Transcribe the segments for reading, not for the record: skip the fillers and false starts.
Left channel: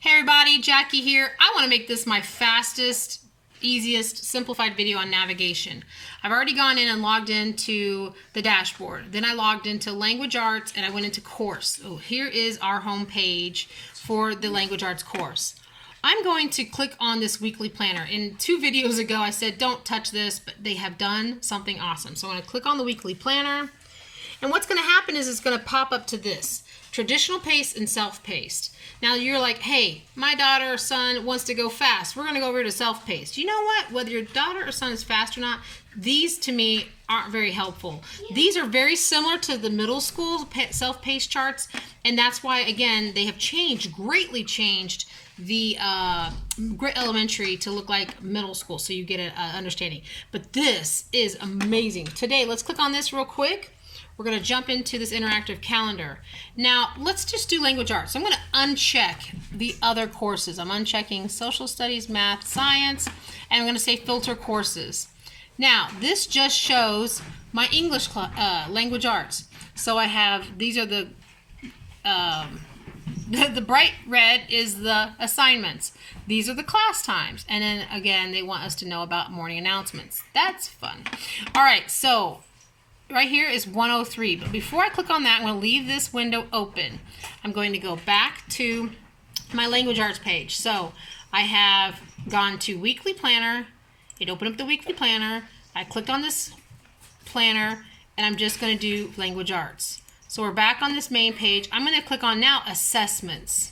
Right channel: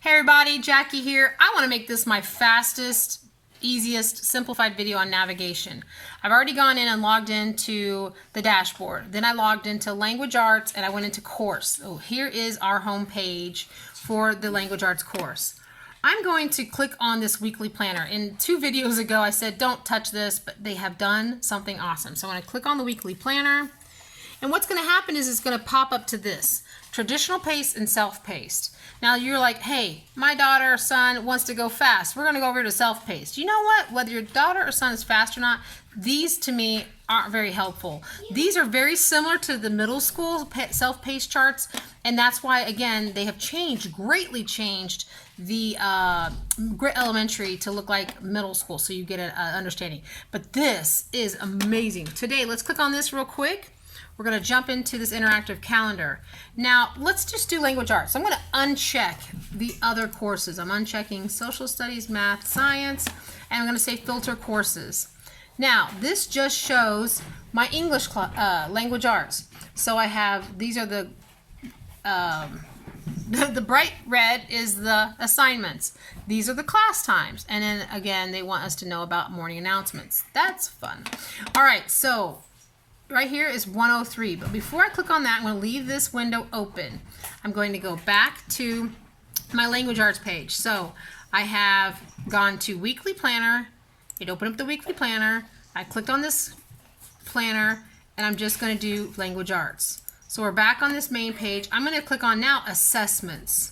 Hey everybody, Jackie here. I want to make this my fastest, easiest, simplified video on navigation. I've already gone in and logged into the dashboard. Then I logged into Language Arts and I went into course. So here is our home page for the Language Arts course. I'm going to click on this weekly planner. In 2 videos ago I said don't touch this, but they have done something awesome. So I'm going to click on the weekly planner. And what's going to happen is it's going to pop up to this, traditional pace and self-paced. Now you're like, hey, my daughter or son wants to go fast. We're going to go over to self-paced. You know what? Whether your daughter or son is fast or not, these to me aren't very helpful. These are very similar to the middle school self-paced charts, and that's why, again, they have greatly changed the elementary to look like middle school, so you get an understanding. But this is amazing. Today, let's click on this real quick. We're going to jump into this interactive calendar. Now, let's just do language arts. So I'm going to uncheck the other courses. I'm unchecking social studies, math, science, and I'm going to say filter courses. Now, this just shows my English language arts. So I have, these are the bright red is the assignments. These are the class times. And then again, they want us to know about morning announcements. That's fun. All right, so right here is 103, but before I click on that, I'm going to leave this window open. I'm going to go back to my language arts page. So I have gone to weekly planner. It opened up the weekly planner. I clicked on this planner, and I'm just going to do language arts. So we're back on this main page. I'm going to click on now assessments.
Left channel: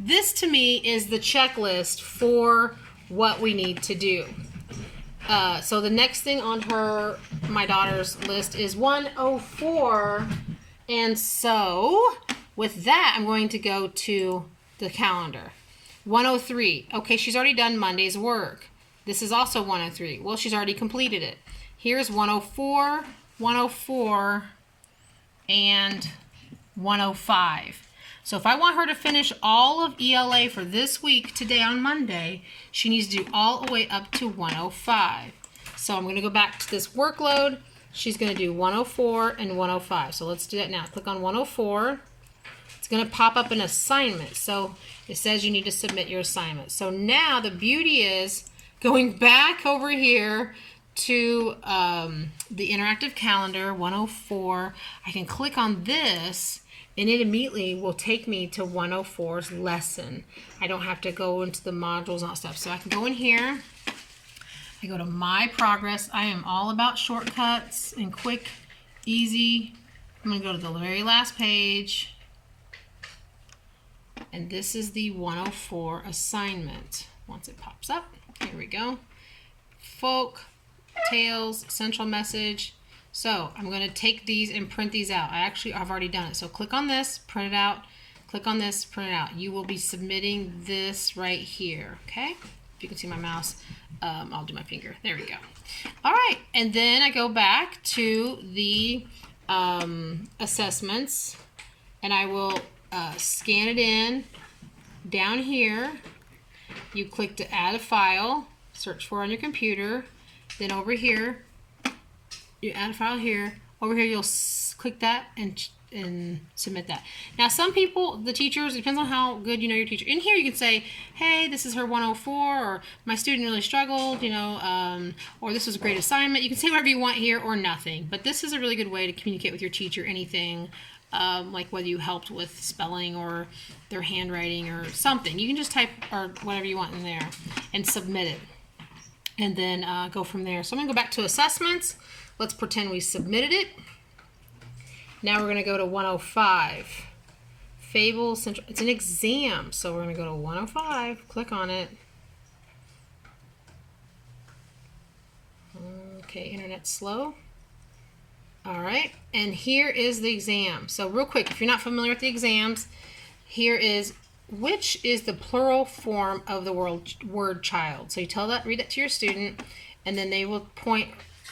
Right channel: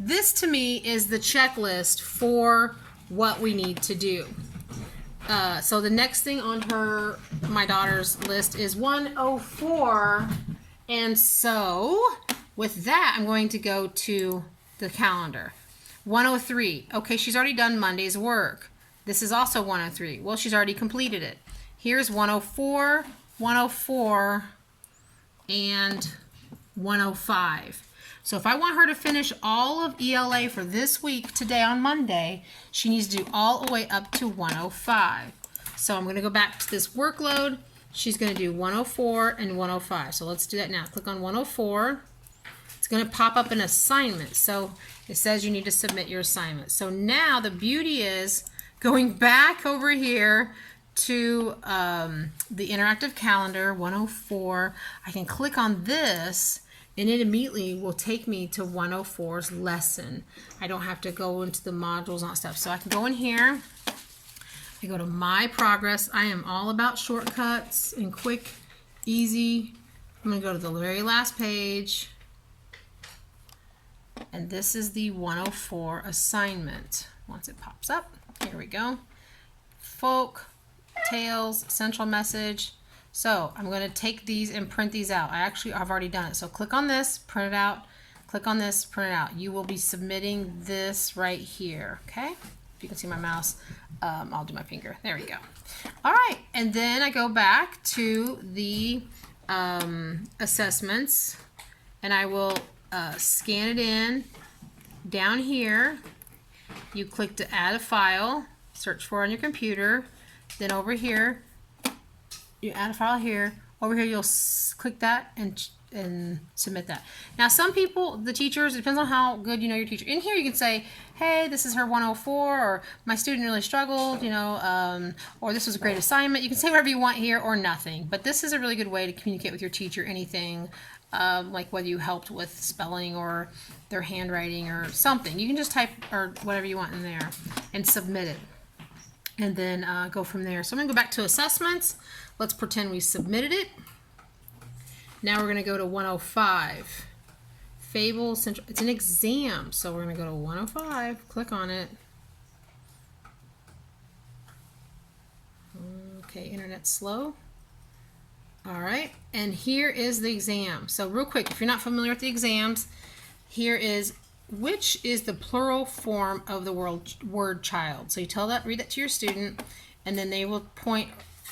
This to me is the checklist for what we need to do. So the next thing on my daughter's list is 104, and so with that I'm going to go to the calendar. 103, okay, she's already done Monday's work. This is also 103. Well, she's already completed it. Here's 104, 104, and 105. So if I want her to finish all of ELA for this week, today on Monday, she needs to do all the way up to 105. So I'm going to go back to this workload. She's going to do 104 and 105. So let's do that now. Click on 104. It's going to pop up an assignment. So it says you need to submit your assignment. So now the beauty is going back over here to the interactive calendar, 104. I can click on this, and it immediately will take me to 104's lesson. I don't have to go into the modules and all that stuff. So I can go in here. I go to my progress. I am all about shortcuts and quick, easy. I'm going to go to the very last page. And this is the 104 assignment. Once it pops up, here we go. Folk, Tails, Central Message. So I'm going to take these and print these out. I've already done it. So click on this, print it out. Click on this, print it out. You will be submitting this right here. Okay? If you can see my mouse, I'll do my finger. There we go. All right. And then I go back to the assessments, and I will scan it in. Down here, you click to add a file, search for it on your computer. Then over here, you add a file here. Over here, you'll click that and submit that. Now, some people, the teachers, it depends on how good you know your teacher. In here, you can say, hey, this is her 104, or my student really struggled, or this was a great assignment. You can say whatever you want here or nothing. But this is a really good way to communicate with your teacher anything, like whether you helped with spelling or their handwriting or something. You can just type or whatever you want in there and submit it. And then go from there. So I'm going to go back to assessments. Let's pretend we submitted it. Now we're going to go to 105. Fable Central. It's an exam, so we're going to go to 105. Click on it. Okay, internet's slow. All right, and here is the exam. So real quick, if you're not familiar with the exams, here is which is the plural form of the word child. So you read that to your student, and then they will point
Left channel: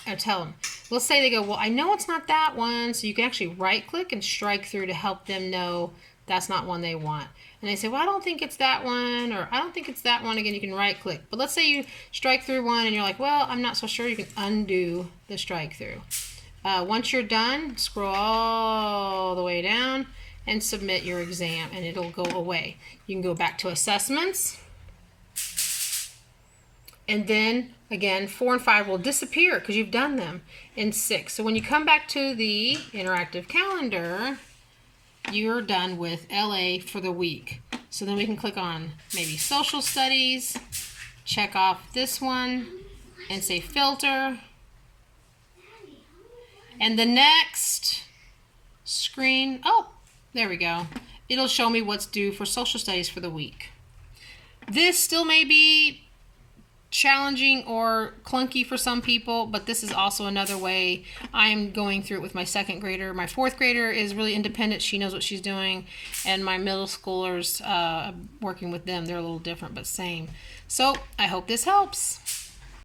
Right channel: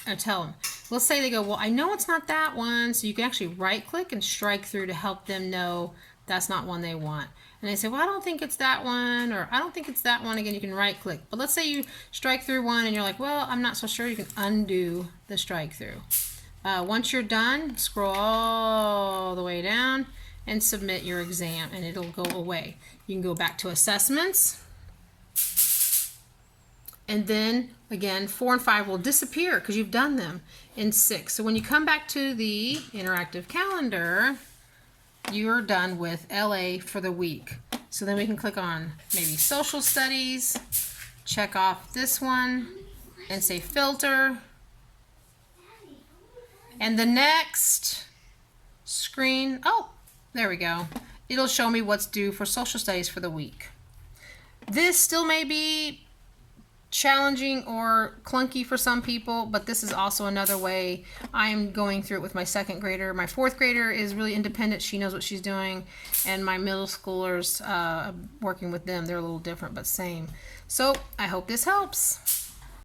or tell them. Let's say they go, well, I know it's not that one. So you can actually right click and strike through to help them know that's not one they want. And they say, well, I don't think it's that one, or I don't think it's that one. Again, you can right click. But let's say you strike through one and you're like, well, I'm not so sure. You can undo the strike through. Once you're done, scroll all the way down and submit your exam, and it'll go away. You can go back to assessments, and then again 4 and 5 will disappear because you've done them in 6. So when you come back to the interactive calendar, you're done with LA for the week. So then we can click on maybe social studies, check off this one, and say filter. And the next screen, oh, there we go. It'll show me what's due for social studies for the week. This still may be challenging or clunky for some people, but this is also another way. I'm going through it with my 2nd grader. My 4th grader is really independent. She knows what she's doing. And my middle schoolers, working with them, they're a little different, but same. So I hope this helps.